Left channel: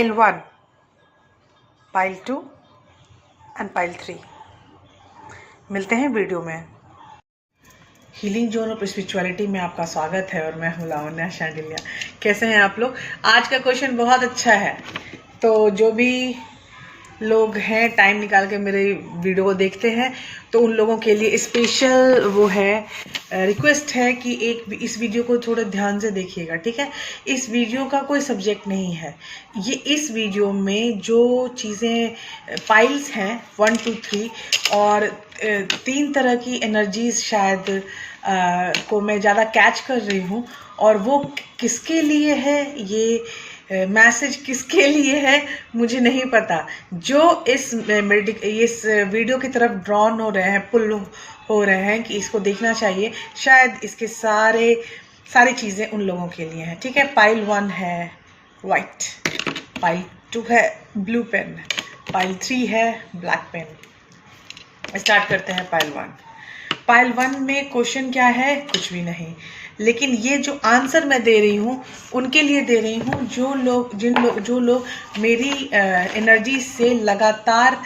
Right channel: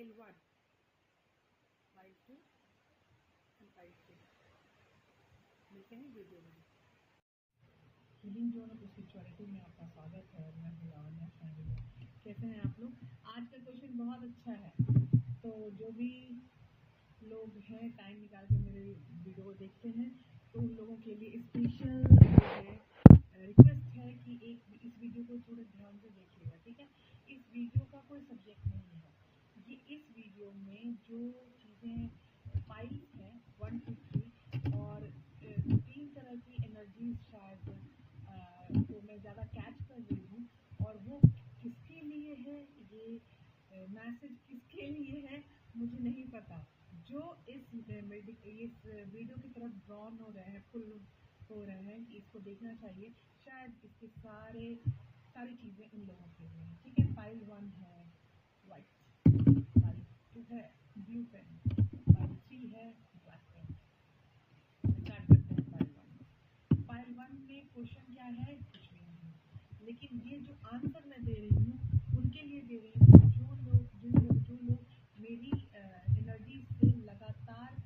Pile 1, pile 2 and pile 3। मिलते हैं video में। हीलिंग जोन ऑफ स्पिरिचुअलिटी में आपका स्वागत है और मैं हूँ लावण्या शांडिल्या। कैसे हैं आप लोग? आज का क्वेश्चन बहुत अच्छा है, तो जो भी लोग हैं टाइम निकाल के मेरे वीडियो को देखते हैं तो उन लोगों के लिए स्पेशल वो है, रिक्वेस्ट है कि इस वीडियो को थोड़ा ध्यान से देखिएगा, ठीक है? इस वीडियो का कोई सब्जेक्ट नहीं है। ये इस वीडियो में जो चीज़ें पाइल्स हैं 1, 2, 3 और 3 तरह की एनर्जीज शायद को मैं ज़्यादा कैच कर रही हूँ, और वो किसके लिए है, ये मैसेज किसके लिए है मुझे नहीं पता। जो इस वीडियो की तरफ ड्रॉन हो रहे हैं, पुल हो रहे हैं कि इसको देखना चाहिए, शायद इसके सारी चीज़ें उन लोगों के लिए हैं, ठीक है? पाइल 1 है वाइट, पाइल 2 है ब्लू पेन, पाइल 3 है ब्लैक पेन। स्टार्ट करते हैं पाइल 1। पाइल 1 में क्वेश्चन क्या है? कुछ भी नहीं, लेकिन ये जो आंसर मैं दे रही हूँ उनके लिए दे रही हूँ जो लोग मेरी एनर्जी से लगातार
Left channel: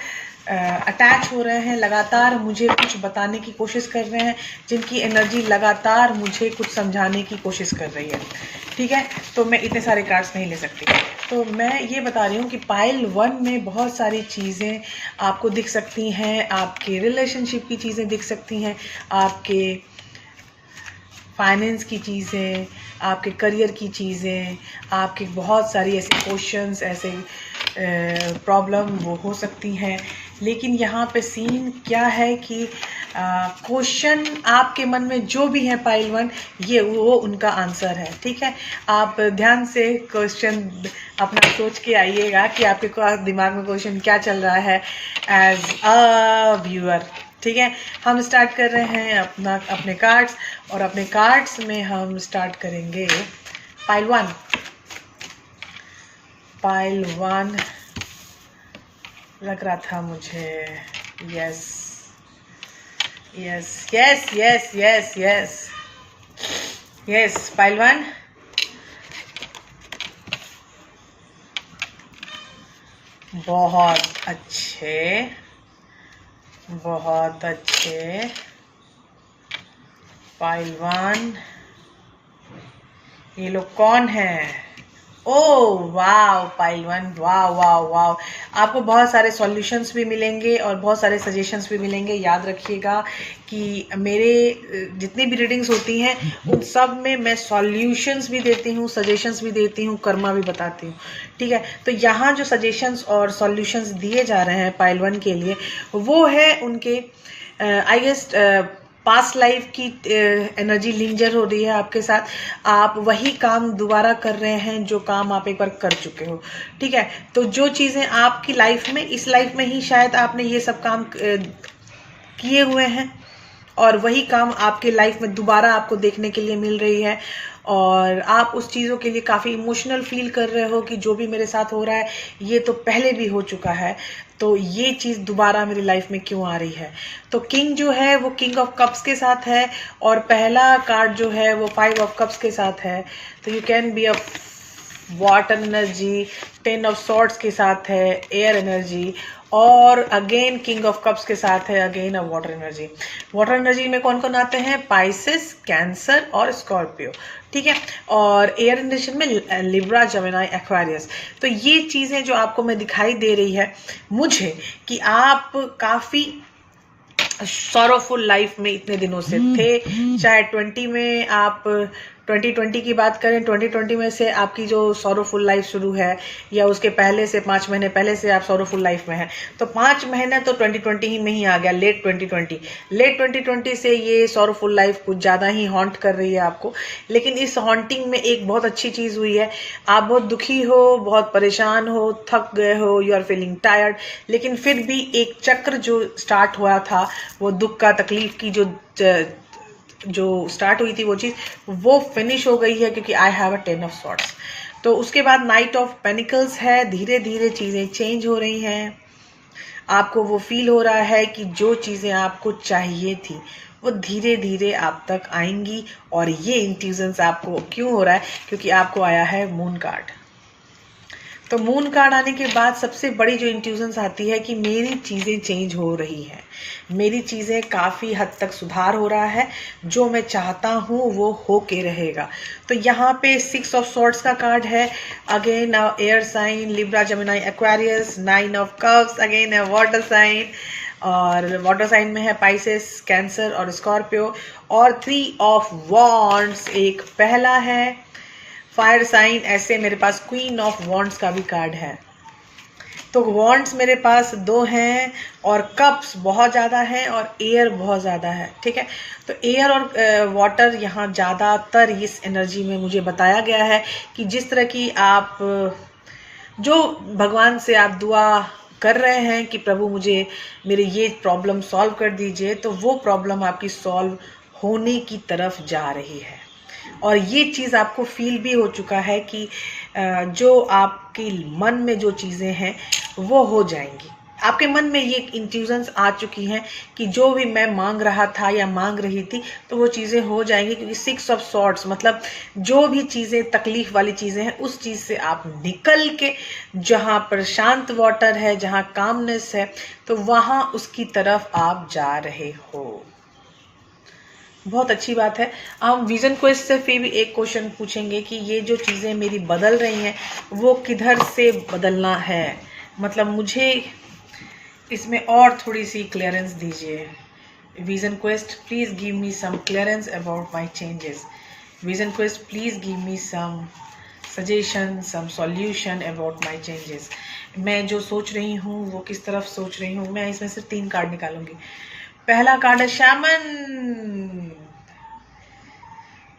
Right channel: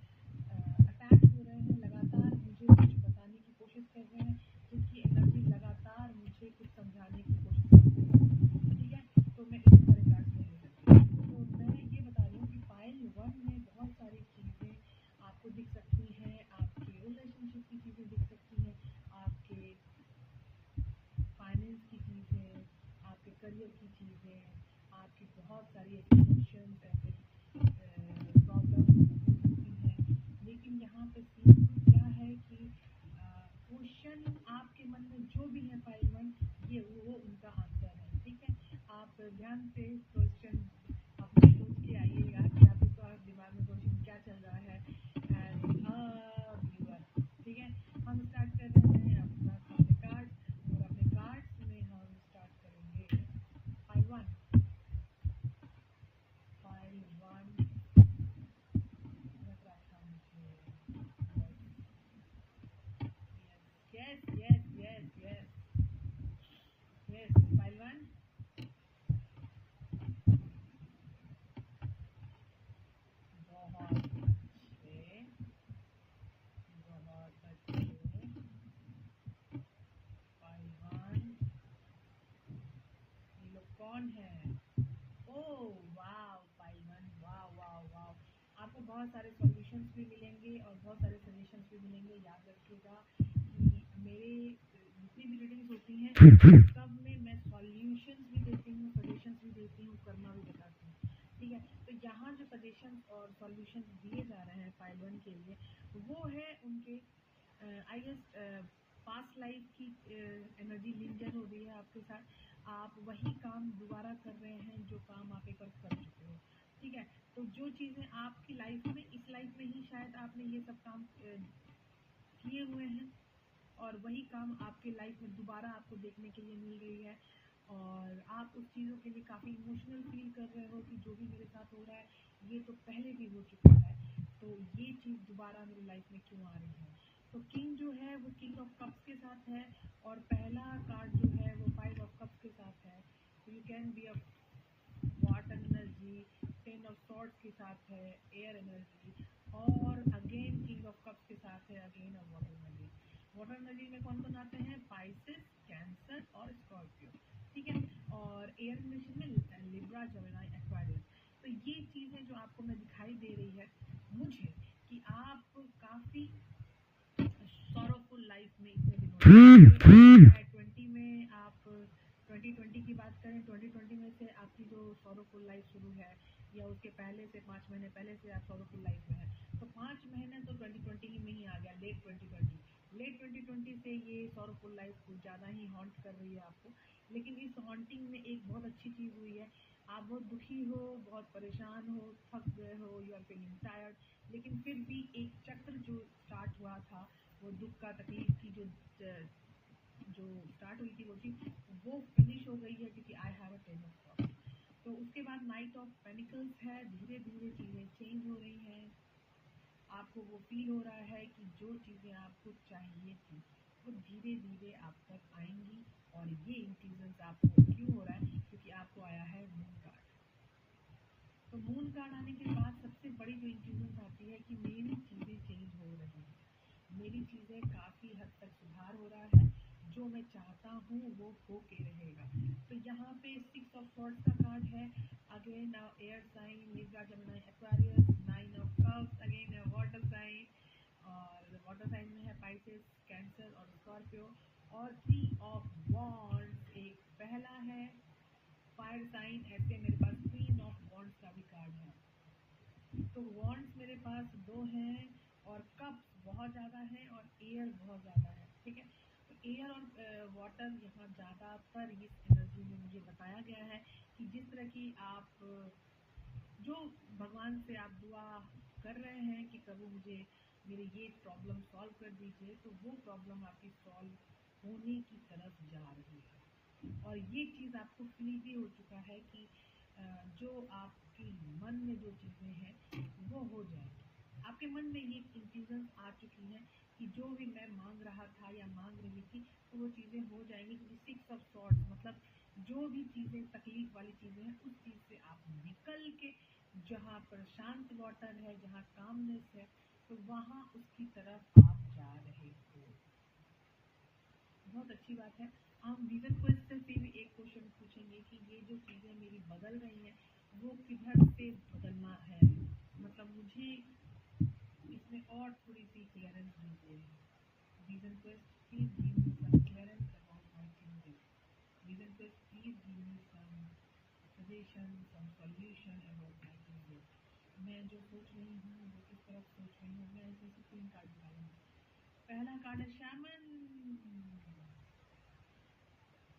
अटैच हो रहे हैं, लगातार मुझे कुछ बताने की कोशिश कर रहे हैं, जिनकी एनर्जी लगातार मुझे कुछ समझाने की कोशिश कर रही है, ठीक है? तो मैं इतने सारे कार्ड्स नहीं ले सकती, तो मैं ये बता रही हूँ कि पाइल 1 में बहुत सारी चीज़ें आपको दिख सकती हैं। आपके रिलेशनशिप की चीज़ें दिख सकती हैं, आपके फाइनेंस की चीज़ें, आपके करियर की चीज़ें, आपके बहुत सारी ऐसे क्वेश्चंस, ऐसे प्रॉब्लम वो हो सकती हैं। लेकिन यहाँ पे सीन क्या है कि क्वेश्चन आपके मन में जो भी है पाइल 1, ये वो उनका आंसर है, ठीक है? आप ध्यान से क्वेश्चन अपना सोच के आइएगा कि आपके दिमाग में क्वेश्चन क्या चल रहा है एज अ व्यूअर, ठीक है? हम स्टार्ट कर रहे हैं अपने कार्ड्स, और अपने कार्ड्स में हम स्टार्ट करेंगे पाइल 1। पाइल 1 लग रहा था मुझे, yes yes yes yes yes yes yes, pile 1 बहुत अच्छे, बहुत अच्छे। पाइल 1, ये लोग कौन है? ओह वाव, पाइल 1, वाव वाव वाव। आपको बहुत सारे सॉल्यूशंस भी मिलेंगे और बहुत सारे सजेशंस भी मिलेंगे। याद रखिएगा कि मेरे जितनी भी रीडिंग्स होती हैं उन सब में मैं सॉल्यूशंस भी देती हूँ, सजेशंस भी देती हूँ, कर्मा भी बताती हूँ, ठीक है? तो यहाँ जो सजेशंस और सॉल्यूशंस दिए जा रहे हैं पाइल 1 के लिए, वो है उनके आई गेस पास्ट लाइफ की एनर्जी लिंजर हो रही है आपके साथ। आप वही काम दोबारा कर रहे हैं जो काम आप एक बार कर चुके हो, ठीक है? तो जो चीज़ें आपकी लाइफ में, इस लाइफ में ही शायद आपने ये सब काम किए हुए हैं, और वही काम आपके लाइफ में दोबारा आपको देखने के लिए मिल रही है, और आप उस चीज़ों के लिए काफ़ी इमोशनल फील कर रहे हो कि जो भी मेरे साथ हो रहा है ये तो पहले भी हो चुका है, तो ये चीज़ दोबारा मेरी लाइफ में क्यों आ रही है? तो किंग जो है वो किंग ऑफ कप्स के साथ है, और पहला कार्ड जो है वो 5 ऑफ कप्स के साथ है। तो you can be a water energy, 10 of swords के साथ है एयर एनर्जी, और अगेन किंग ऑफ कप्स के साथ है again a water energy. Water energy में कौन कौन आते हैं? पाइसेस, कैंसर और स्कॉर्पियो, ठीक है? और एयर एनर्जी में लिब्रा, जेमिनी, एक्वेरियस। तो ये चीज़ें जो आपको मैं दिखाई दे रही है मुझे कि आप काफ़ी सॉरोफुल लाइफ में इतने दिनों से थे, चाहे 20 में आप 2020 की बात करें, 2020 में से आपकी जो सॉरोफुल लाइफ शुरू है, या उसके पहले से 5 महीने पहले से आप सॉरोफुल लाइफ में हैं, तो 5 महीने तो 2020 ही में ही आ गया, लेट 2020 से ये सॉरोफुल लाइफ कुछ ज़्यादा ही हॉन्ट कर रही है आपको। लेकिन इस हॉन्टिंग में एक बहुत अच्छी चीज़ हुई है, आप बहुत दुखी हो, बहुत परेशान हो, थक गए हो, यू आर फीलिंग टायर्ड, लेकिन फिर भी एक चक्र जो स्टार्ट हुआ था, वो दुख का, तकलीफ की जो स्टार्ट हुई थी वो चीज़, वो फिनिश हो गई है, क्योंकि I have a 10 of swords. तो उसके बाद नाइट ऑफ पेनिकल्स है। धीरे धीरे चीज़ें चेंज हो रही हैं, आपको वो फील हो रहा है कि जो चीज़ें आपको चाहिए थी वो धीरे धीरे आप तक आएंगी। और ये इंट्यूजन्स आपको क्यों हो रहा है? क्योंकि आपको आया है मून कार्ड। तो मून कार्ड आने के बाद सबसे बड़ी जो इंट्यूशंस आती है कि मेरी चीज़ें चेंज हो रही हैं, मेरी चीज़ें काफ़ी हद तक सुधार हो रहा है, जो मैं चाहता हूँ वो हो के रहेगा। तो यहाँ पे 6 ऑफ सॉर्ड्स का कार्ड है, again air sign Libra Gemini Aquarius, 9 of cups again है वाटर साइन, और वाटर साइन में है पाइसेस, कैंसर और स्कॉर्पियो, और 3 ऑफ वॉन्ड्स एक पहला है फायर साइन। ऐसे मेरे पास क्वीन ऑफ वॉन्ड्स का भी कार्ड है। तो वॉन्ड्स मेरे पास 2 हैं और कप्स बहुत ज़्यादा हैं और एयर बहुत ज़्यादा है, ठीक है। तो एयर और वाटर यहाँ ज़्यादातर इस एनर्जी में मुझे बताया गया है कि जिस तरह की आप जो भगवान से आप दुआ कर रहे हैं कि प्रभु मुझे मेरे ये प्रॉब्लम सॉल्व कर दीजिए, तो वो प्रॉब्लम आपकी सॉल्व होने की तरफ जा रही है। और ये चीज़ आपको फील भी हो चुका है कि जो आपके मन में जो चीज़ें हैं वो हो जाएंगी। आपके मन में ये इंट्यूशंस आ चुकी हैं कि जो भी मैं मांग रहा था या मांग रही थी तो वो चीज़ें हो जाएंगी, क्योंकि 6 ऑफ सॉर्ड्स मतलब जो भी चीज़ें तकलीफ वाली चीज़ें हैं उस चीज़ से आप निकल के जहाँ पर शांत वाटर है, जहाँ कामनेस है, तो वहाँ उसकी तरफ आप जा रहे हो। बहुत अच्छी बात है। हम विजन क्वेस्ट से फिर भी एक क्वेश्चन पूछेंगे कि ये जो चीज़ें मेरी बदल रही हैं वो किधर से बदलना है, मतलब मुझे इसमें और थोड़ी सी क्लियरेंस दीजिए। Vision quest please give me some clearance about my changes. Vision quest please give me some suggestion, some solution about my changes. मैं जो सोच रही हूँ वो किस तरफ सोच रही हूँ। मैं इसमें से 3 कार्ड निकालूंगी। पहला कार्ड है shaman.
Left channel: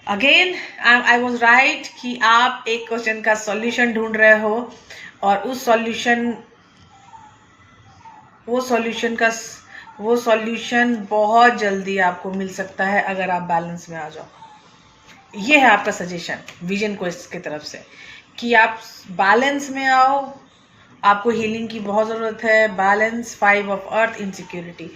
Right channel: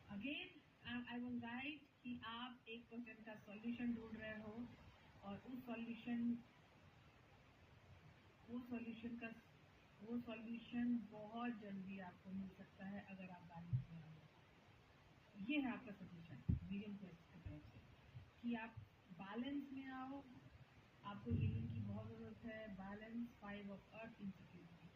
Again I was right कि आप एक क्वेश्चन का सॉल्यूशन ढूंढ रहे हो और वो सॉल्यूशन बहुत जल्दी आपको मिल सकता है अगर आप बैलेंस में आ जाओ। ये है आपका सजेशन विजन क्वेस्ट की तरफ से कि आप बैलेंस में आओ। आपको हीलिंग की बहुत ज़रूरत है। Balance, 5 of earth, insecurity.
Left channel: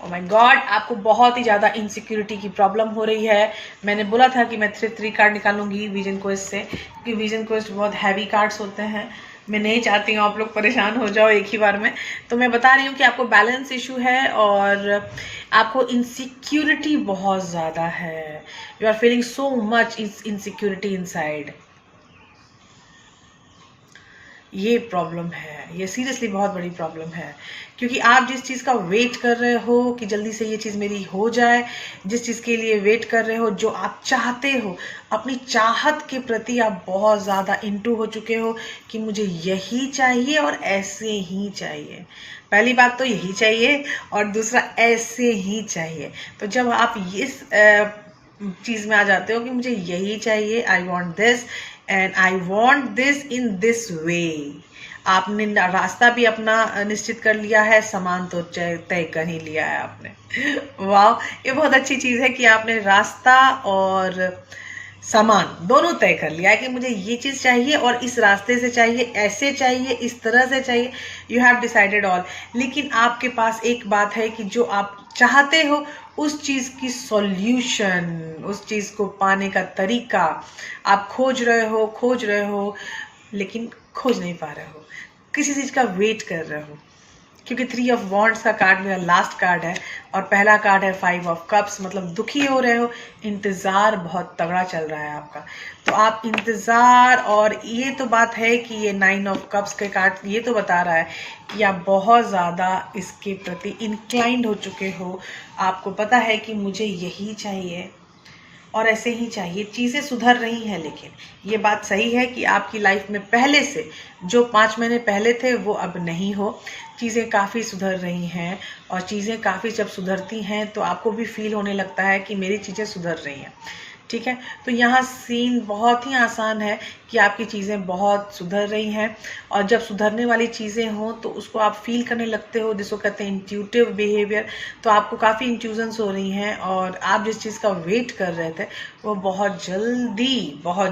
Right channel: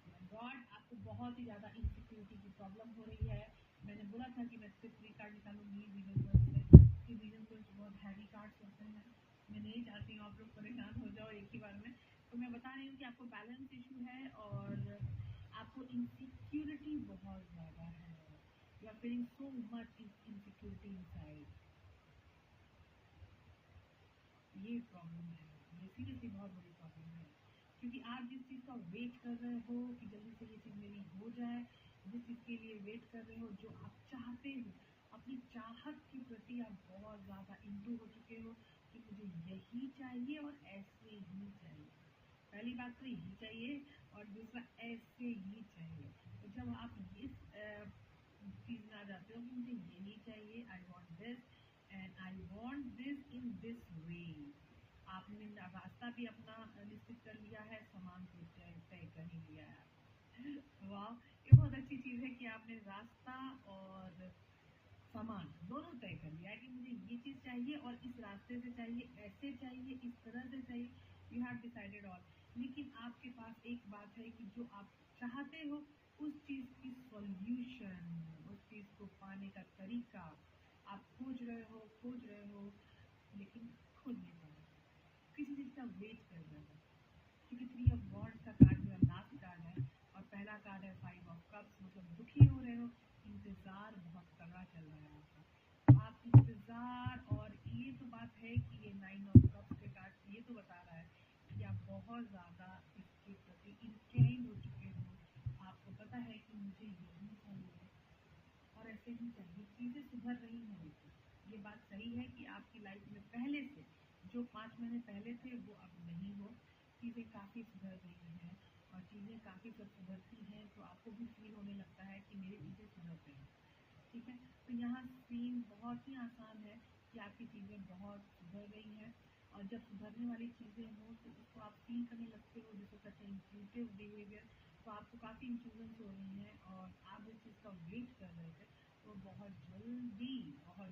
Oh my God, आपको बहुत ही ज़्यादा इनसिक्योरिटी की प्रॉब्लम हो रही है। मैंने बोला था कि मैं 3 कार्ड निकालूंगी विजन क्वेस्ट से, क्योंकि विजन क्वेस्ट बहुत हैवी कार्ड्स होते हैं। मैं नहीं चाहती हूँ आप लोग परेशान हो जाओ एक ही बार में। तो मैं बता रही हूँ कि आपको बैलेंस इशू है और आपको इनसिक्योरिटी बहुत ज़्यादा है। You are feeling so much insecurity inside. ये प्रॉब्लम है, ये सीरियसली बहुत बड़ी प्रॉब्लम है, क्योंकि आप जिस चीज़ का वेट कर रहे हो कि जल्दी से ये चीज़ मेरी हो जाए, जिस चीज़ के लिए वेट कर रहे हो, जो आप चाहते हो, अपनी चाहत के प्रति आप बहुत ज़्यादा इंटू हो चुके हो कि मुझे यही चाहिए और ऐसे ही चाहिए। पहली बात तो यही चाहिए और दूसरा ऐसे ही चाहिए। तो जब आप इस चीज़ में आ जाते हो कि मुझे यही चाहिए, I want this and I want this in this way, आपने रास्ता भी अपना निश्चित कर लिया है, सामान तो तय कर ही लिया है आपने। वाह, ये बहुत अच्छी चीज़ है कि आपने रास्ता और सामान दोनों तय कर लिया है कि मुझे ये चीज़ चाहिए और इस रास्ते से चाहिए, ऐसे चाहिए, इस तरह से चाहिए। You have decided all. लेकिन आपके पास एक बात है कि जो आप चाहते हो उस चीज़ की सॉल्यूशन, उस चीज़ को पाने का तरीका आप खोज रहे हो लेकिन खोज नहीं पा रहे हो, किसी चीज़ का वेट कर रहे हो। क्योंकि 3 ऑफ वॉन्ड्स का कार्ड मेरा लास्ट कार्ड है और पहला कार्ड है 5 ऑफ कप्स, मतलब दुखी हो रहे हो, इंतज़ार बहुत तगड़ा चल रहा है आपका। तो आप इंतज़ार, और ये तो बात है कि ये 9 ऑफ कप्स के कार्ड ये तो बता रहा है कि आप बहुत ज़्यादा इसके प्रति इंक्लाइंड हो चुके हो। आपको पता है कि मुझे यही चाहिए और ऐसे ही चाहिए। चीज़ें सुधर रही हैं, लेकिन ये बात सही है कि आपकी लाइफ में पहले से जो 5 महीने पहले थे वो अब नहीं हो। चीज़ें काफ़ी सुधर रही हैं और चीज़ें काफ़ी जब सुधरती हैं तो आपको भी फील होने लगता है कि मेरी चीज़ें सुधर रही हैं, ठीक है। तो यहाँ सीन बहुत ही आसान है कि आपकी चीज़ें बहुत सुधर रही हैं और जब सुधरने वाली चीज़ें हों तो उसको आप फील करने लगते हो, जिसको कहते हैं इंट्यूटिव बिहेवियर। तो आपको काफ़ी इंट्यूजन्स हो रही हैं और आप जिस चीज़ का वेट कर रहे थे वो बहुत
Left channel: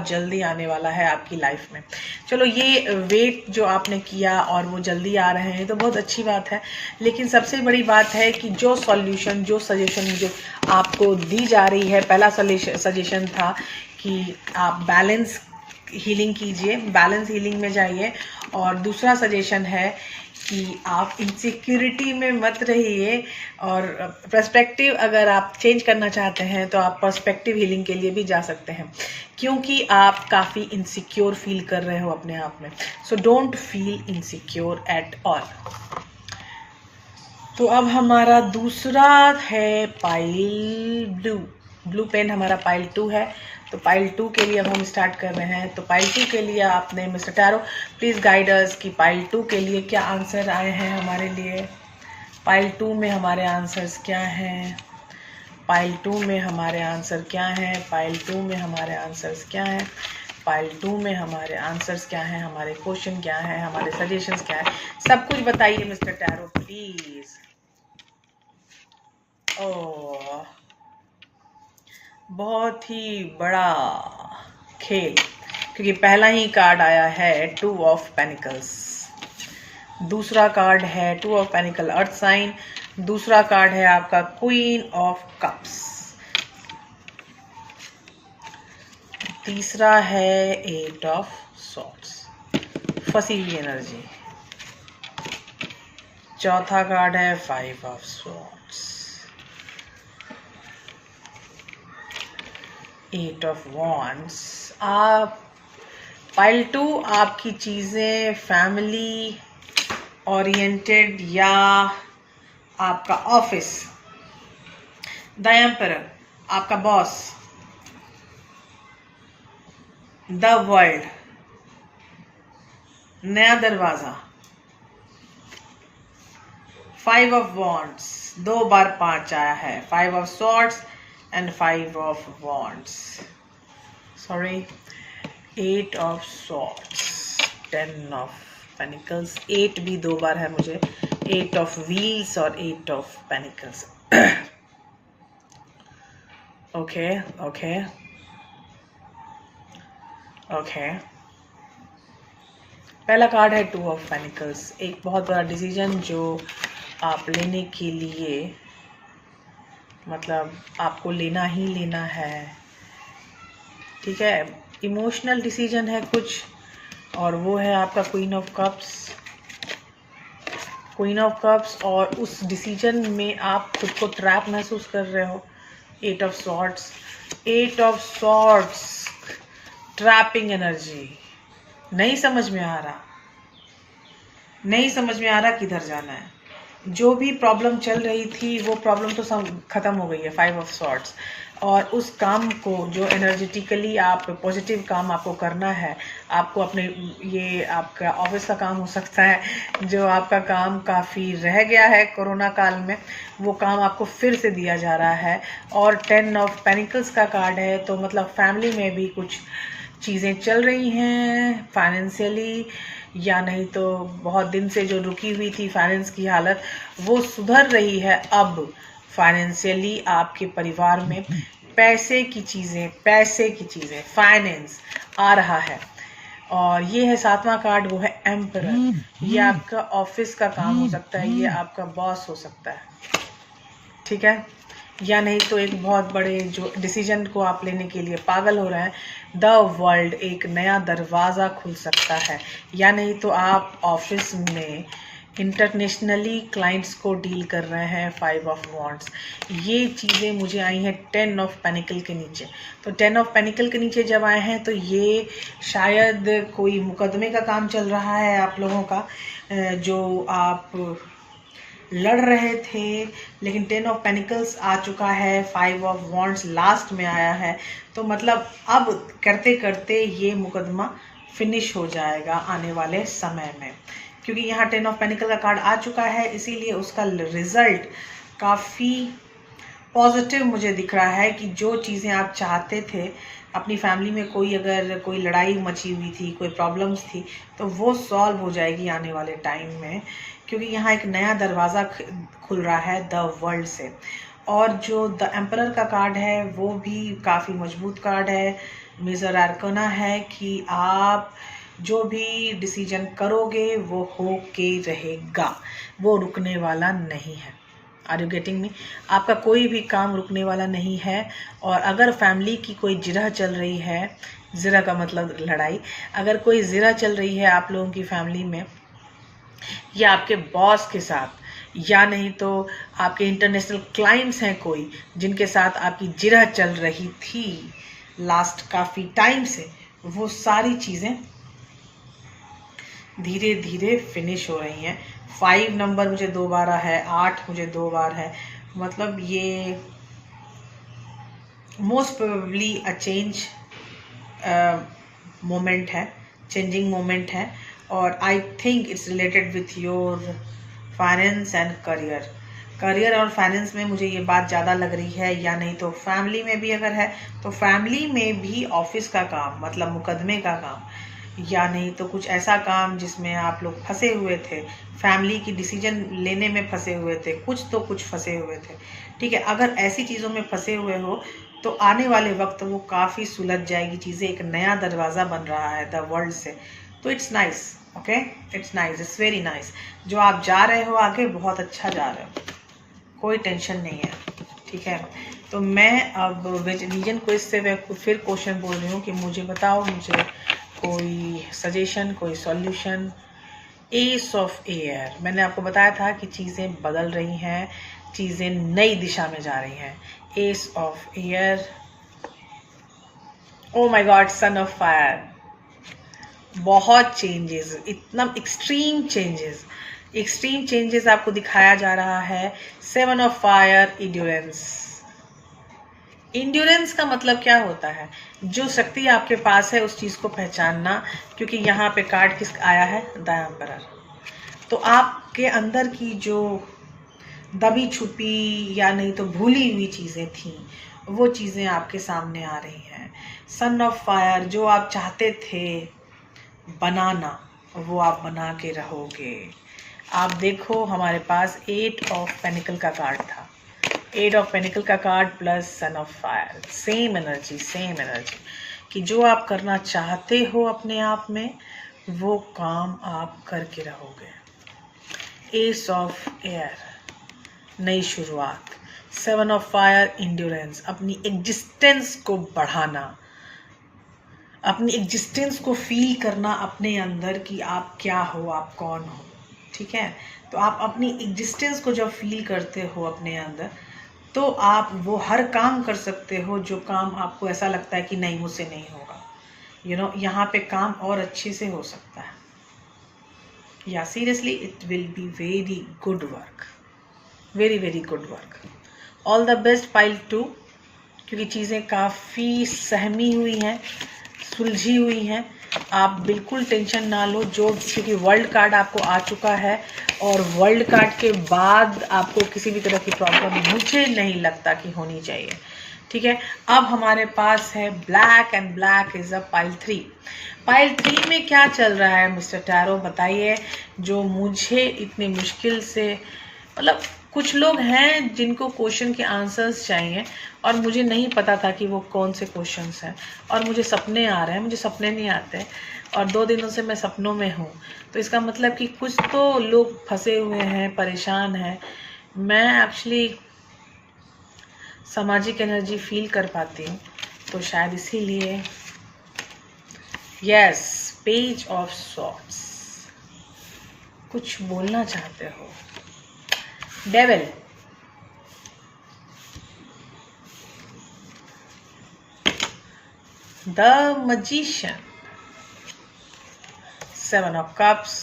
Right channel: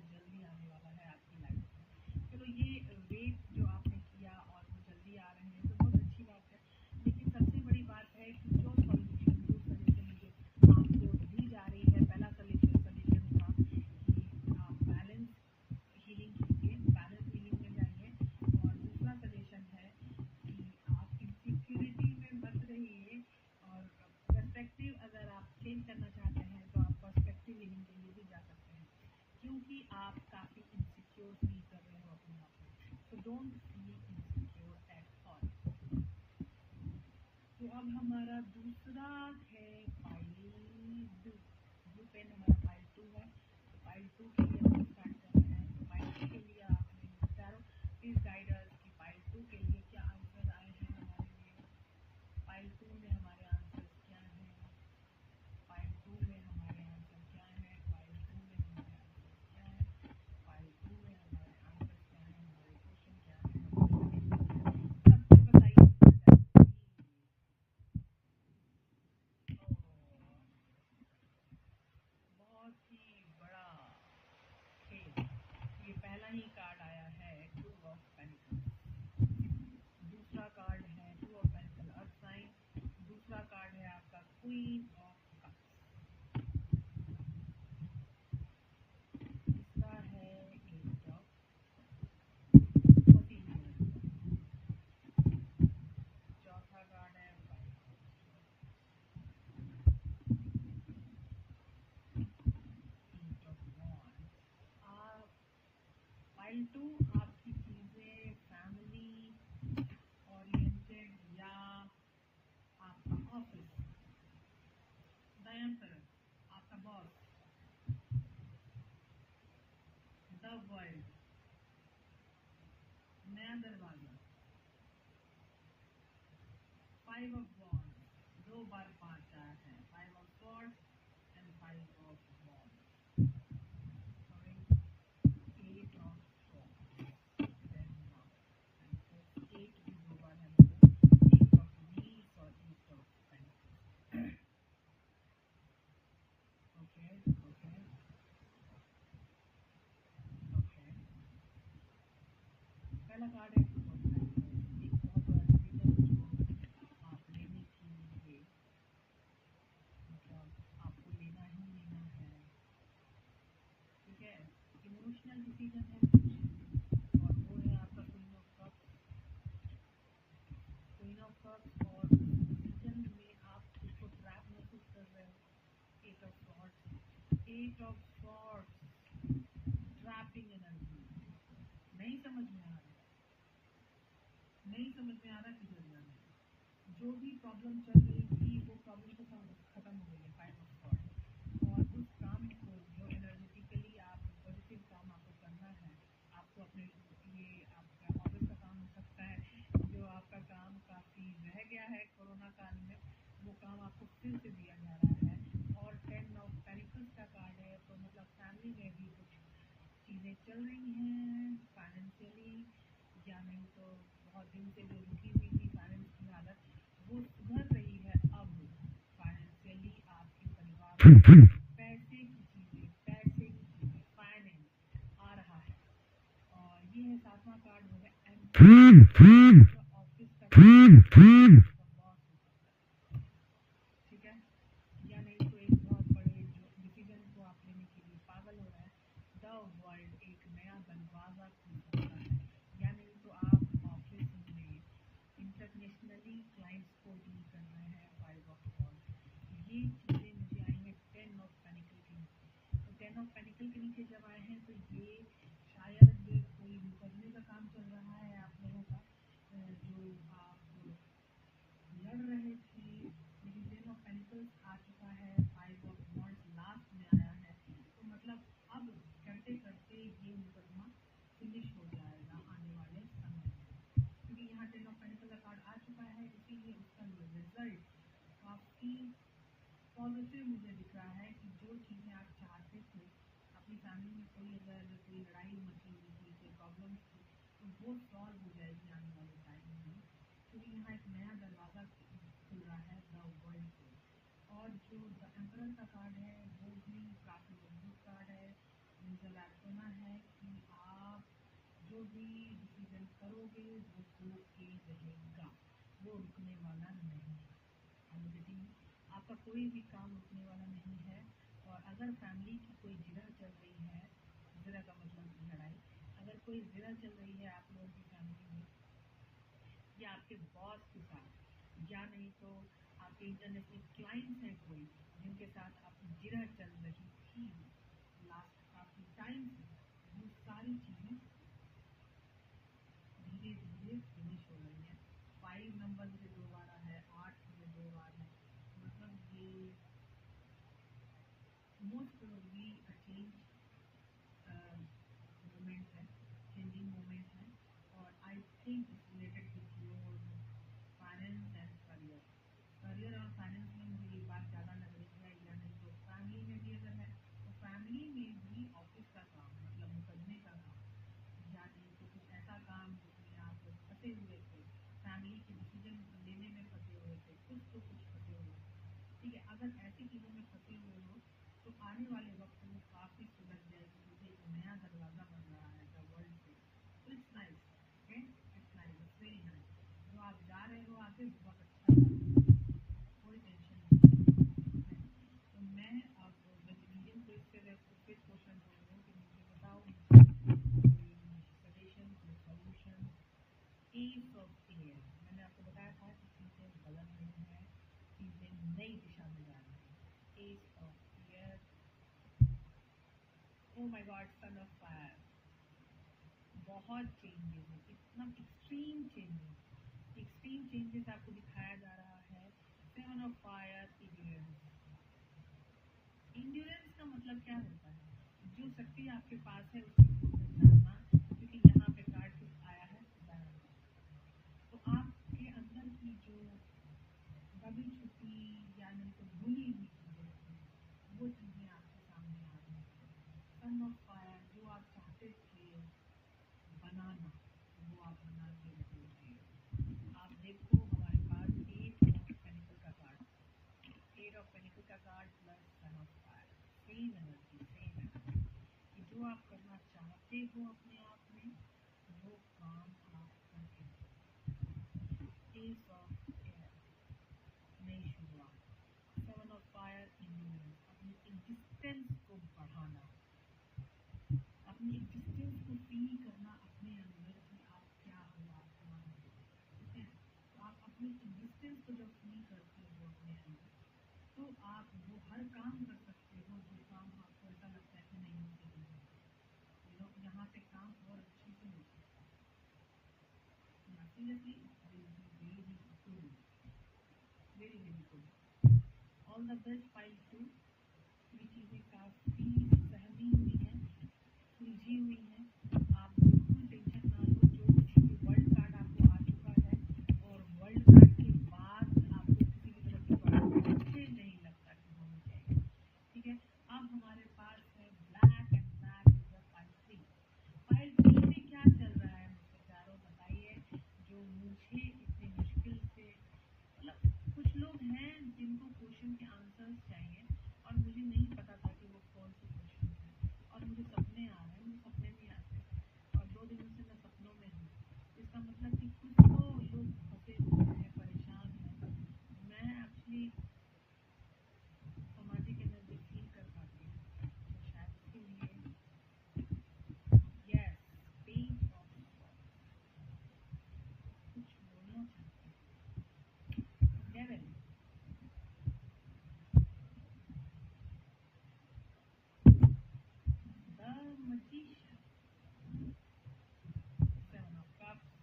जल्दी आने वाला है आपकी लाइफ में। चलो, ये वेट जो आपने किया और वो जल्दी आ रहे हैं तो बहुत अच्छी बात है। लेकिन सबसे बड़ी बात है कि जो सॉल्यूशन, जो सजेशन जो आपको दी जा रही है, पहला सजेशन था कि आप बैलेंस हीलिंग कीजिए, बैलेंस हीलिंग में जाइए। और दूसरा सजेशन है कि आप इनसिक्योरिटी में मत रहिए, और पर्सपेक्टिव अगर आप चेंज करना चाहते हैं तो आप पर्सपेक्टिव हीलिंग के लिए भी जा सकते हैं, क्योंकि आप काफ़ी इनसिक्योर फील कर रहे हो अपने आप में। So don't feel insecure at all. तो अब हमारा दूसरा है पाइल ब्लू। ब्लू पेन हमारा पाइल 2 है। तो पाइल 2 के लिए अब हम स्टार्ट कर रहे हैं। तो पाइल 2 के लिए आपने mister tarot please guide us कि पाइल 2 के लिए क्या आंसर आए हैं हमारे लिए। पाइल 2 में हमारे आंसर्स क्या हैं? पाइल 2 में हमारे आंसर क्या हैं? पाइल 2 में हमारे आंसर्स क्या हैं? पाइल 2 में हमारे आंसर्स क्या हैं? हमारे क्वेश्चन क्या हैं? हमारे सजेशंस क्या हैं? सब कुछ बताइए मिस्टर टैरो प्लीज़। ओह, बहुत ही बड़ा खेल, क्योंकि पहला ही कार्ड आया है 2 ऑफ पेनिकल्स। दूसरा कार्ड है 2 ऑफ पेनिकल अर्थ साइन। दूसरा कार्ड है आपका क्वीन ऑफ कप्स। तीसरा है 8 ऑफ सॉर्ड्स, फंसी हुई एनर्जी। चौथा कार्ड है 5 ऑफ सॉर्ड्स, 8 ऑफ वॉन्ड्स। आप पाइल 2 आपकी चीज़ें फैमिली ओरिएंटेड या आपका ऑफिस, द एम्परर आपका बॉस, द वर्ल्ड, नया दरवाजा, 5 ऑफ वॉन्ड्स, 2 बार 5 आया है, 5 of swords and 5 of wands, sorry 8 of swords, 10 of pentacles, 8 भी 2 बार है मुझे, 8 ऑफ व्हील्स और 8 of pentacles. Okay okay okay. पहला कार्ड है 2 ऑफ पेनिकल्स, एक बहुत बड़ा डिसीजन जो आप लेने के लिए, मतलब आपको लेना ही लेना है, ठीक है। इमोशनल डिसीजन है कुछ, और वो है आपका queen of cups. Queen of cups, और उस डिसीजन में आप खुद को ट्रैप महसूस कर रहे हो। 8 of swords, 8 of swords, trapping energy. नहीं समझ में आ रहा, नहीं समझ में आ रहा किधर जाना है। जो भी प्रॉब्लम चल रही थी वो प्रॉब्लम तो ख़त्म हो गई है, 5 ऑफ सॉर्ड्स। और उस काम को जो एनर्जेटिकली आप पॉजिटिव काम आपको करना है, आपको अपने, ये आपका ऑफिस का काम हो सकता है, जो आपका काम काफ़ी रह गया है कोरोना काल में, वो काम आपको फिर से दिया जा रहा है। और 10 ऑफ पेनिकल्स का कार्ड है, तो मतलब फैमिली में भी कुछ चीज़ें चल रही हैं फाइनेंशियली, या नहीं तो बहुत दिन से जो रुकी हुई थी फाइनेंस की हालत, वो सुधर रही है अब फाइनेंशियली। आपके परिवार में पैसे की चीज़ें फाइनेंस आ रहा है। और ये है 7वां कार्ड, वो है एम्परर। ये आपका ऑफिस का काम हो सकता है, ये आपका बॉस हो सकता है, ठीक है। या नहीं तो एक बहुत बड़े जो डिसीजन को आप लेने के लिए पागल हो रहे हैं, द वर्ल्ड, एक नया दरवाज़ा खुल सकता है। या नहीं तो आप ऑफिस में इंटरनेशनली क्लाइंट्स को डील कर रहे हैं, 5 ऑफ वॉन्ड्स। ये चीज़ें मुझे आई हैं 10 ऑफ पेनिकल के नीचे। तो 10 ऑफ पेनिकल के नीचे जब आए हैं तो ये शायद कोई मुकदमे का काम चल रहा है आप लोगों का, जो आप लड़ रहे थे। लेकिन 10 ऑफ पेनिकल्स आ चुका है, 5 ऑफ वॉन्ड्स लास्ट में आया है, तो मतलब अब करते करते ये मुकदमा फिनिश हो जाएगा आने वाले समय में, क्योंकि यहाँ 10 ऑफ पेनिकल का कार्ड आ चुका है, इसीलिए उसका रिजल्ट काफ़ी पॉजिटिव मुझे दिख रहा है। कि जो चीज़ें आप चाहते थे, अपनी फैमिली में कोई अगर कोई लड़ाई मची हुई थी, कोई प्रॉब्लम्स थी, तो वो सॉल्व हो जाएगी आने वाले टाइम में, क्योंकि यहाँ एक नया दरवाज़ा खुल रहा है द वर्ल्ड से। और जो द एम्परर का कार्ड है वो भी काफ़ी मजबूत कार्ड है, मेजर आर्कना है कि आप जो भी डिसीजन करोगे वो हो के रहेगा, वो रुकने वाला नहीं है। Are you getting me? आपका कोई भी काम रुकने वाला नहीं है। और अगर फैमिली की कोई जिरह चल रही है ज़रा का मतलब लड़ाई। अगर कोई ज़रा चल रही है आप लोगों की फैमिली में, या आपके बॉस के साथ, या नहीं तो आपके इंटरनेशनल क्लाइंट्स हैं कोई जिनके साथ आपकी जिरह चल रही थी लास्ट काफ़ी टाइम से, वो सारी चीज़ें धीरे धीरे फिनिश हो रही हैं। 5 नंबर मुझे 2 बार है, 8 मुझे 2 बार है, मतलब ये most probably a change moment है, चेंजिंग मोमेंट है। और I think it's related with your finance and career और फाइनेंस में मुझे ये बात ज़्यादा लग रही है। या नहीं तो फैमिली में भी अगर है तो फैमिली में भी ऑफिस का काम, मतलब मुकदमे का काम, या नहीं तो कुछ ऐसा काम जिसमें आप लोग फंसे हुए थे, फैमिली की डिसीजन लेने में फंसे हुए थे, कुछ फंसे हुए थे। ठीक है, अगर ऐसी चीज़ों में फंसे हुए हो तो आने वाले वक्त वो काफ़ी सुलझ जाएगी चीज़ें, एक नया दरवाज़ा बन रहा है द वर्ल्ड से। तो it's nice, okay, it's nice, it's very nice. जो आप जा रहे हो आगे, बहुत अच्छा जा रहे हो, कोई टेंशन नहीं है। ठीक है, तो मैं अब रीजन क्विज से मैं फिर क्वेश्चन बोल रही हूँ कि मुझे बताओ, मुझे कोई सजेशन, कोई सॉल्यूशन। एस ऑफ एयर, मैंने आपको बताया था कि चीज़ें बदल रही हैं, चीज़ें नई दिशा में जा रही हैं। S of air, oh my God, son of fire, बहुत चेंजेस, इतना एक्सट्रीम चेंजेस आपको दिखाया जा रहा है। 7 ऑफ फायर, इंड्योरेंस का मतलब क्या होता है? जो शक्ति आपके पास है उस चीज़ को पहचानना, क्योंकि यहाँ पे कार्ड किस आया है? The emperor. तो आपके अंदर की जो दबी छुपी या नहीं तो भूली हुई चीज़ें थी, वो चीज़ें आपके सामने आ रही हैं। सन ऑफ फायर, जो आप चाहते थे बनाना, वो आप बना के रहोगे। आप देखो, हमारे पास 8 ऑफ पेनिकल का कार्ड था, 8 ऑफ पेनिकल का card plus son of fire, same energy कि जो आप करना चाहते हो अपने आप में, वो काम आप करके रहोगे। एस ऑफ एयर, नई शुरुआत। 7 ऑफ फायर, इंड्योरेंस, अपनी एग्जिस्टेंस को बढ़ाना, अपनी एग्जिस्टेंस को फील करना अपने अंदर कि आप क्या हो, आप कौन हो। ठीक है, तो आप अपनी एग्जिस्टेंस को जब फील करते हो अपने अंदर, तो आप वो हर काम कर सकते हो जो काम आपको ऐसा लगता है कि नहीं, मुझसे नहीं होगा। यहाँ पे काम और अच्छे से हो सकता है। या seriously, it will be very good work, very very good work. All the best pile 2, क्योंकि चीज़ें काफ़ी सहमी हुई हैं, सुलझी हुई हैं। आप बिल्कुल टेंशन ना लो, क्योंकि वर्ल्ड कार्ड आपको आ चुका है, और वर्ल्ड कार्ड के बाद आपको किसी भी तरह की प्रॉब्लम मुझे नहीं लगता कि होनी चाहिए। ठीक है, अब हमारे पास है black, and black is a pile 3। Pile 3 में क्या चल रहा है मिस्टर टैरो, बताइए। जो मुझे इतनी मुश्किल से, मतलब कुछ लोग हैं जिनको क्वेश्चन के आंसर्स चाहिए, और मुझे नहीं पता था कि वो कौन से क्वेश्चंस हैं, और मुझे सपने आ रहे हैं, मुझे सपने नहीं आते, और 2 दिनों से मैं सपनों में हूँ। तो इसका मतलब कि कुछ तो लोग फंसे हुए हैं, परेशान हैं। मैं एक्चुअली सामाजिक एनर्जी फील कर पाती हूँ, तो शायद इसीलिए। यस, पेज ऑफ सॉर्ड्स, कुछ बोलना चाहते हो। Devil, the magician, 7 of cups,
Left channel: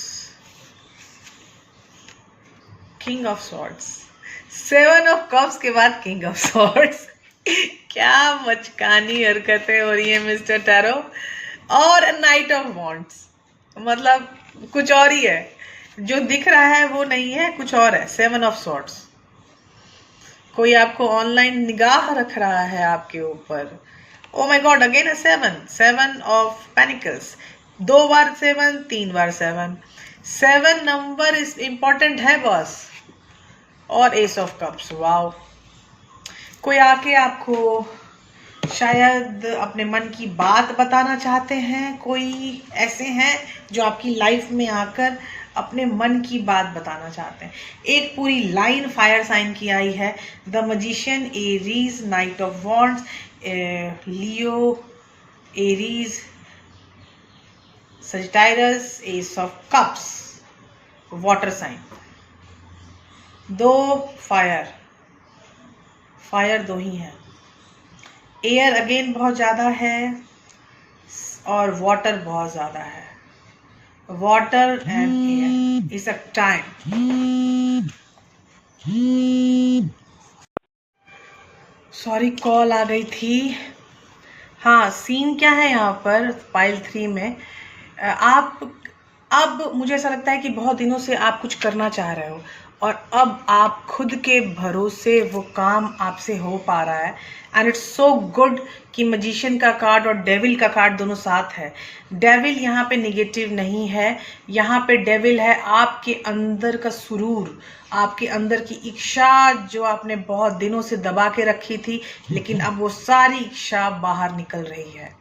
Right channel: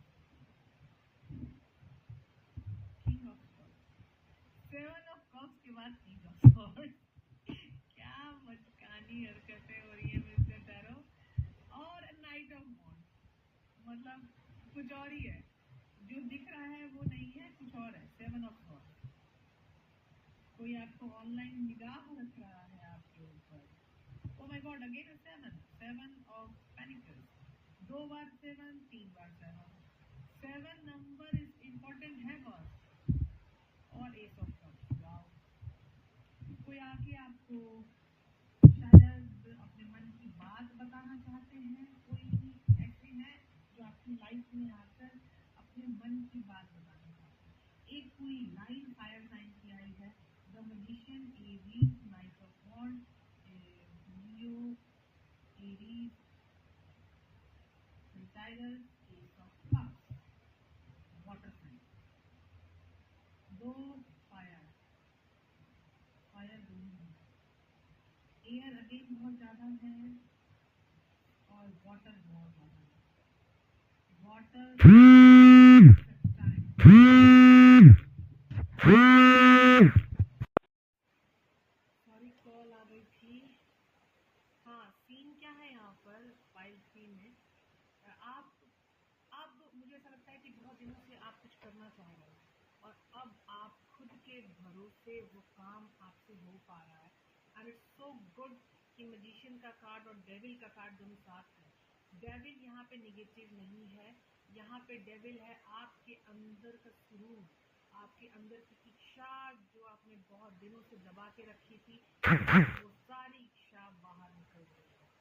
king of swords. 7 of cups के बाद किंग ऑफ सॉर्ड्स। क्या मचकानी हरकतें हो रही है मिस्टर टैरो। और नाइट ऑफ वॉन्ड्स, मतलब कुछ और ही है, जो दिख रहा है वो नहीं है, कुछ और है। 7 ऑफ सॉर्ड्स, कोई आपको ऑनलाइन निगाह रख रहा है आपके ऊपर। Oh my God, again 7 of pentacles, 2 bar 7, 3 bar 7। 7 number is important है बॉस। और एस ऑफ कप्स, वाओ। कोई आके आपको शायद अपने मन की बात बताना चाहते हैं, कोई ऐसे हैं जो आपकी लाइफ में आकर अपने मन की बात बताना चाहते हैं। एक पूरी लाइन फायर साइन की आई है, the magician, Aries, knight of wands, Leo, Aries, Sagittarius, ace of cups, water sign. 2 fire, fire 2 ही है। एयर अगेन बहुत ज़्यादा है और वाटर बहुत ज़्यादा है। Water is a time. Sorry, call आ गई थी। हाँ, सीन क्या है यहाँ पर पाइल 3 में, आप अब मुझे ऐसा लगता है कि बहुत दिनों से आप कुछ करना चाह रहे हो और अब आप खुद के भरोसे वो काम आपसे हो पा रहा है। एंड इट्स सो गुड कि मैजिशियन का कार्ड और डेविल का कार्ड दोनों साथ है। डेविल यहाँ पे निगेटिव नहीं है, यहाँ पे डेविल है आपके अंदर का सुरूर, आपके अंदर की इच्छा जो आपने बहुत दिनों से दबा के रखी थी, लेकिन अब वो सारी इच्छा बाहर निकल रही है।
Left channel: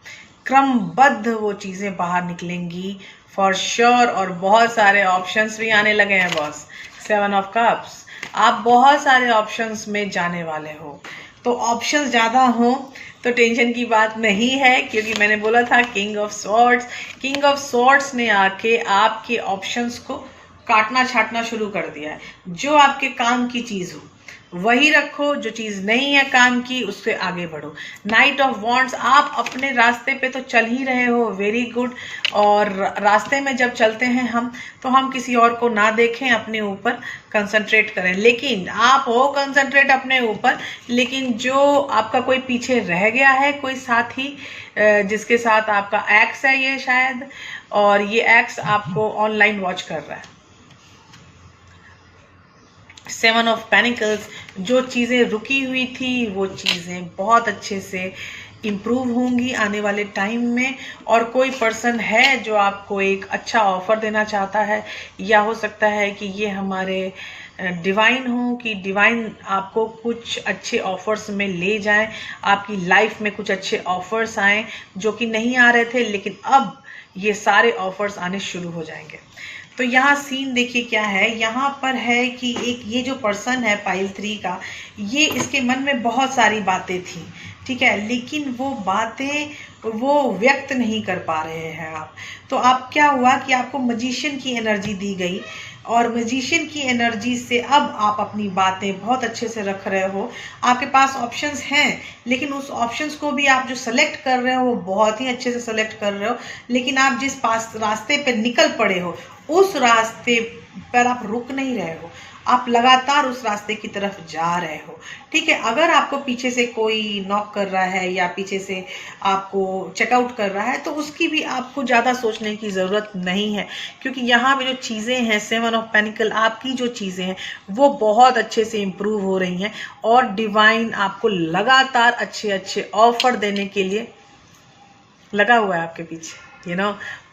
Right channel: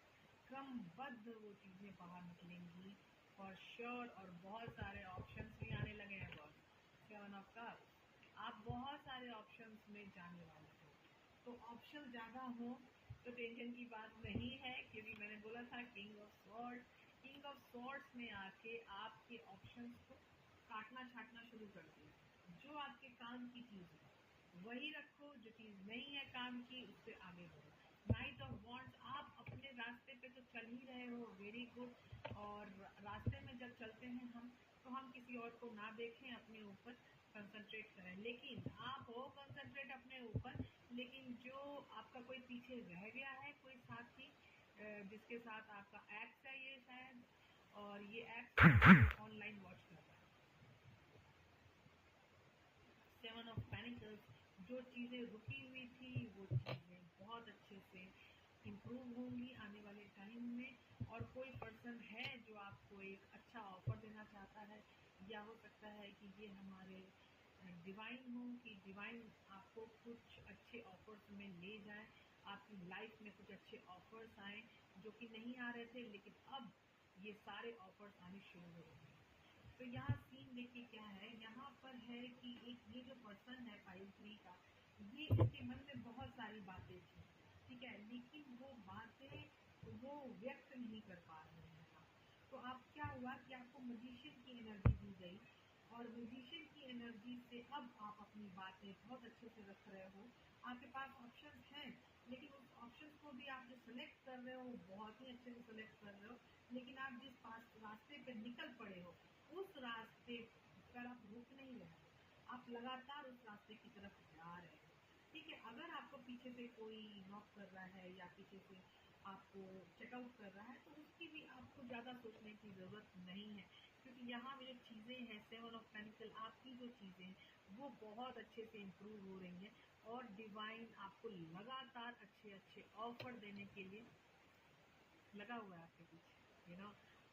क्रमबद्ध वो चीज़ें बाहर निकलेंगी फॉर श्योर। और बहुत सारे ऑप्शंस भी आने लगे हैं बॉस। 7 ऑफ कप्स, आप बहुत सारे ऑप्शंस में जाने वाले हो। तो ऑप्शंस ज़्यादा हो तो टेंशन की बात नहीं है, क्योंकि मैंने बोला था king of swords. King of swords ने आके आपके ऑप्शंस को काटना छाटना शुरू कर दिया है। जो आपके काम की चीज़ हो वही रखो, जो चीज़ नहीं है काम की उससे आगे बढ़ो। नाइट ऑफ वॉन्ड्स, आप अपने रास्ते पे तो चल ही रहे हो, वेरी गुड। और रास्ते में जब चलते हैं हम, तो हम किसी और को ना देखें, अपने ऊपर कंसंट्रेट करें। लेकिन आप हो कंसंट्रेट अपने ऊपर, लेकिन जो आपका कोई पीछे रह गया है, कोई साथी जिसके साथ आपका एक्स है ये शायद, और ये एक्स आपको ऑनलाइन वॉच कर रहा है। 7 ऑफ पेनिकल्स, जो चीज़ें रुकी हुई थी वो चीज़ें बहुत अच्छे से इम्प्रूव होंगी आने वाले टाइम में। और कोई पर्सन है जो आपको एक अच्छा ऑफर देना चाहता है, या हो सकता है कि ये हमारे डिवाइन हो, कि डिवाइन आपको कुछ अच्छे ऑफर्स में ले जाएं, आपकी लाइफ में कुछ अच्छे ऑफर्स आएँ जो कि नहीं आ रहे थे, लेकिन अब ये सारे ऑफर्स आने शुरू हो जाएंगे। तो यहाँ सीन देखिए क्या है, यहाँ पर है कि एक ये जो पर्सन है पाइल 3 का, ये इसके मन में बहुत सारी बातें थी, ठीक है, लेकिन वो बातें वो व्यक्त नहीं कर पा रहे हैं आप। तो आप क्या हुआ कि आपको मैजिशियन की एनर्जी दी गई, और मैजिशियन की एनर्जी से अब आप अपनी बातें बहुत अच्छे से रख रहे हो। आपके पास ऑप्शंस हैं, लेकिन उस ऑप्शंस को भी आप जो सेलेक्ट कर रहे हो वो बहुत ही अच्छे से सेलेक्ट कर रहे हो, लेकिन आप जिस पास रास्ते पे निकल पड़े हो उस रास्ते पर आप रुक नहीं रहे हो, आप लगातार उस रास्ते की तरफ जा रहे हो, ठीक है। अगर आपको पीछे से कोई नॉक कर रहा है या पीछे से आपको चेकआउट कर रहा है, तो उसकी भी आपको ज़्यादा सोचने की ज़रूरत नहीं है, क्योंकि यहाँ पे जो चीज़ें हैं 7 ऑफ पेनिकल, आपकी जो चीज़ें हैं वो बहुत अच्छे से इम्प्रूव हो रही हैं, और डिवाइन आपको लगातार अच्छे अच्छे ऑफर देने के लिए लगा हुआ है आपके पीछे,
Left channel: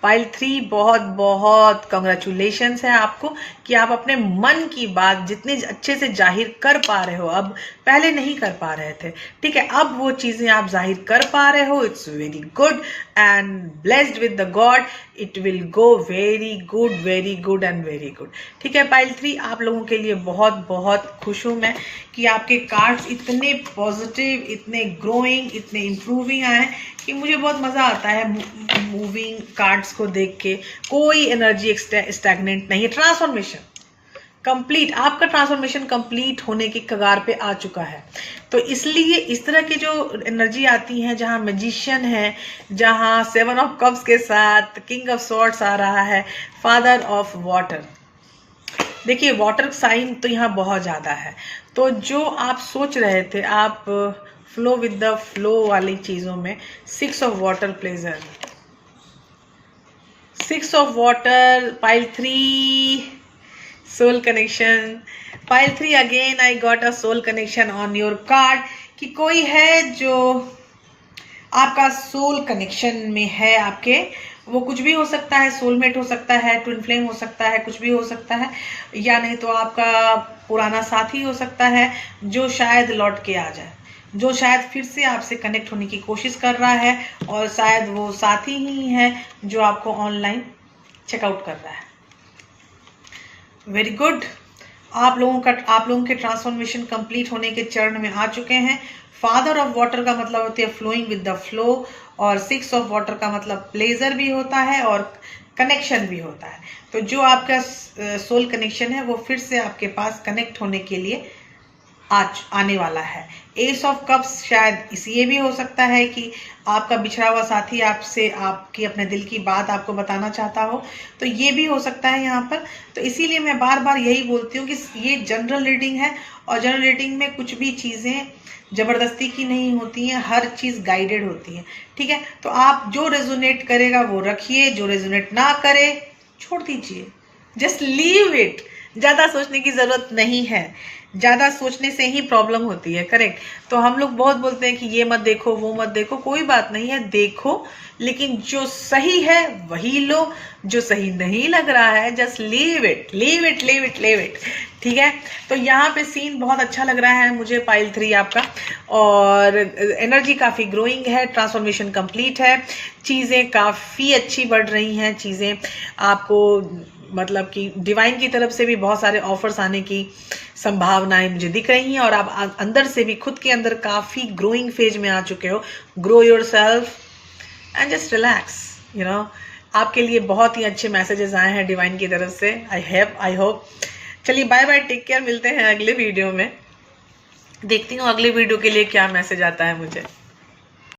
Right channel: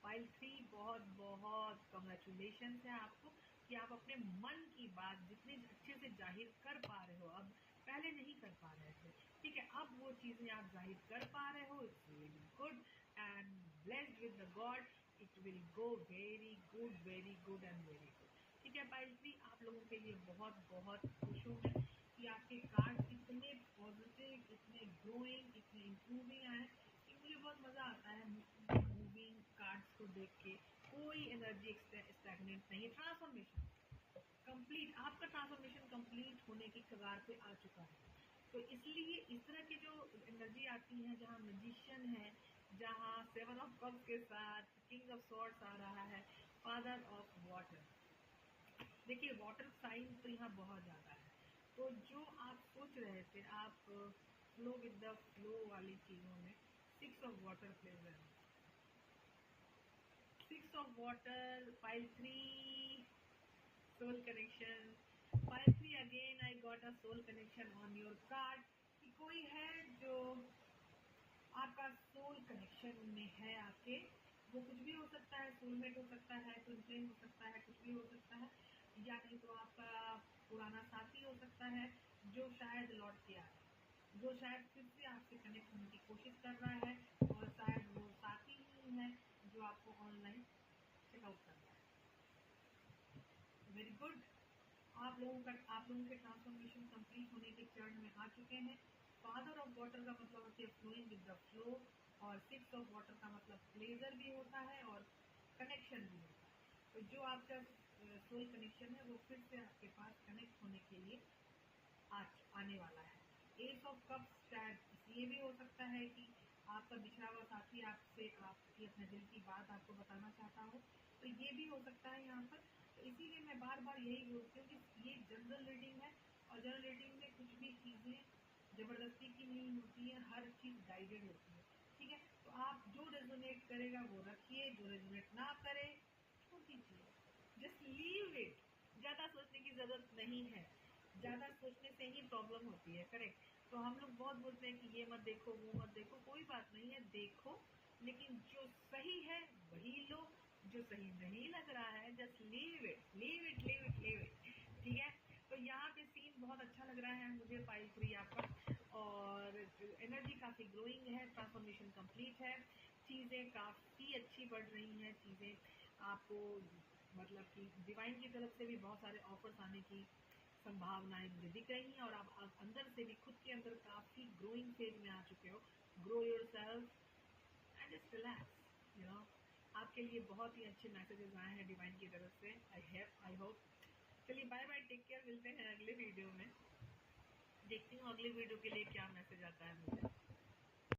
पाइल 3, बहुत बहुत कंग्रेचुलेशंस है आपको कि आप अपने मन की बात जितने अच्छे से जाहिर कर पा रहे हो, अब पहले नहीं कर पा रहे थे, ठीक है, अब वो चीज़ें आप जाहिर कर पा रहे हो। It's very good and blessed with the God, it will go very good and very good, ठीक है। पाइल 3, आप लोगों के लिए बहुत बहुत खुश हूँ मैं कि आपके कार्ड्स इतने पॉजिटिव, इतने ग्रोइंग, इतने इम्प्रूविंग आए कि मुझे बहुत मज़ा आता है मूविंग कार्ड्स को देख के। कोई एनर्जी स्टैग्नेंट नहीं है, ट्रांसफॉर्मेशन कंप्लीट, आपका ट्रांसफॉर्मेशन कंप्लीट होने की कगार पे आ चुका है। तो इसलिए इस तरह की जो एनर्जी आती है, जहाँ मैजिशियन है, जहाँ 7 ऑफ कप्स के साथ किंग ऑफ स्वॉर्ड्स आ रहा है, फादर ऑफ वाटर, देखिए वाटर साइन तो यहाँ बहुत ज़्यादा है। तो जो आप सोच रहे थे, आप फ्लो विद द फ्लो वाली चीज़ों में 6 of water pleasure, 6 of water, pile 3 soul connection, pile 3 again I got a soul connection on your card, कि कोई है जो आपका सोल कनेक्शन में है आपके, वो कुछ भी हो सकता है, सोलमेट हो सकता है, ट्विन फ्लेम हो सकता है, कुछ भी हो सकता है, या नहीं तो आपका पुराना साथी हो सकता है जो शायद लौट के आ जाए, जो शायद फिर से आपसे कनेक्ट होने की कोशिश कर रहा है, और शायद वो साथी ही है जो आपको ऑनलाइन चेकआउट कर रहा है। Very good. आप लोगों के ट्रांसफॉर्मेशन कंप्लीट होने के चरण में आ चुके हैं। फादर ऑफ वाटर का मतलब होती है फ्लोइंग विद द फ्लो, और 6 ऑफ वाटर का मतलब प्लेजर भी होता है और कनेक्शन भी होता है। तो जो आपका सोल कनेक्शन है वो फिर से आपके पास कनेक्ट होने के लिए आज आने वाला है। एस ऑफ कप्स शायद ये भी हो सकता है कि आपका बिछड़ा हुआ साथी आपसे आपकी अपने दिल की बात आपको बताना चाहता हो, तो ये भी हो सकता है यहाँ पर। तो इसीलिए मैं बार बार यही बोलती हूँ कि ये जनरल रीडिंग है, और जनरल रीडिंग में कुछ भी चीज़ें जबरदस्ती की नहीं होती हैं, हर चीज़ गाइडेड होती है। ठीक है, तो आप जो रेजोनेट करेगा वो रखिए, जो रेजोनेट ना करे छोड़ दीजिए, जस्ट लीव इट। ज़्यादा सोचने की ज़रूरत नहीं है, ज़्यादा सोचने से ही प्रॉब्लम होती है। करेक्ट। तो हम लोग बहुत बोलते हैं कि ये मत देखो वो मत देखो, कोई बात नहीं है, देखो, लेकिन जो सही है वही लो, जो सही नहीं लग रहा है just leave it, leave it, leave it, leave it. ठीक है, तो यहाँ पे सीन बहुत अच्छा लग रहा है मुझे पाइल 3 आपका, और एनर्जी काफ़ी ग्रोइंग है, ट्रांसफॉर्मेशन कंप्लीट है, चीज़ें काफ़ी अच्छी बढ़ रही हैं, चीज़ें आपको मतलब कि डिवाइन की तरफ से भी बहुत सारे ऑफर्स आने की संभावनाएं मुझे दिख रही हैं, और आप अंदर से भी खुद के अंदर काफ़ी ग्रोइंग फेज में आ चुके हो। Grow your self and just relax, you know. आपके लिए बहुत ही अच्छे मैसेजेस आए हैं डिवाइन की तरफ से। I hope. चलिए बाय बाय, टेक केयर, मिलते हैं अगले वीडियो में। देखती हूँ अगले वीडियो के लिए क्या मैसेज आता है मुझे।